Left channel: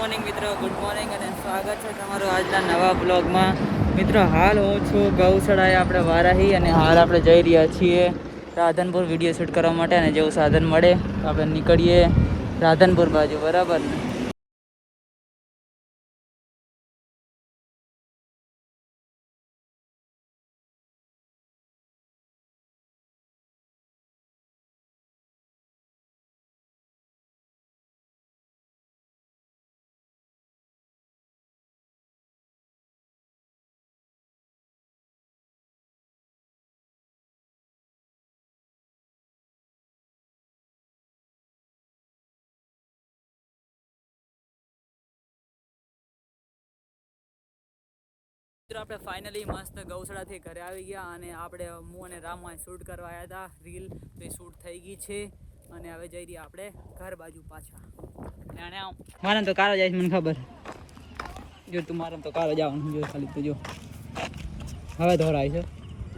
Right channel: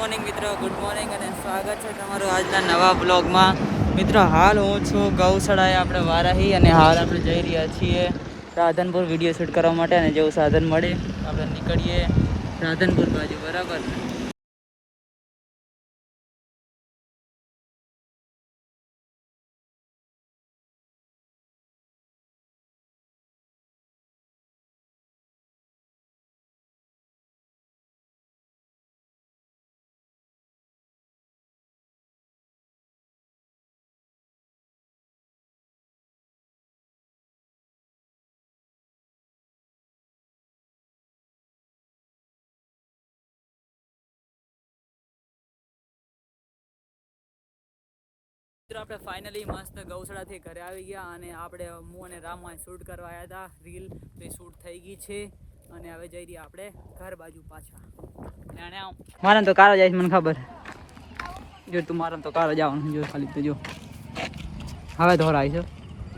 Morning મિત્રો, good morning અને સ્વાગત છે તમારું આજના નવા બ્લોગમાં. મિત્રો હાલ હું છું ગૌશાળાએ આપણે વારાહી અને હાલ આપણે જઈ રહ્યા છીએ રાધનપુર વિડીયો શૂટ કરવા માટે. અને જેવું સાધન મળે તો આપણે નીકળીએ રાધનપુર બાજુ, બરાબર ને? આપણે ફાઇનલી મસ્ત ગૌશાળાથી ઘરે આવી ગયા અને આપણે હું અને રામમાં શૂટ કરવા આવ્યા હતા. રીલ એ શૂટ થઈ ગઈ છે અને હવે જઈ રહ્યા આપણે ઘર બાજુ પાછા. મારે તો કાલે જાય મને ખબર. જો તું મારે તો કાલે જવાનું જો, ખાલી તો જો હવે ધોરાય છે.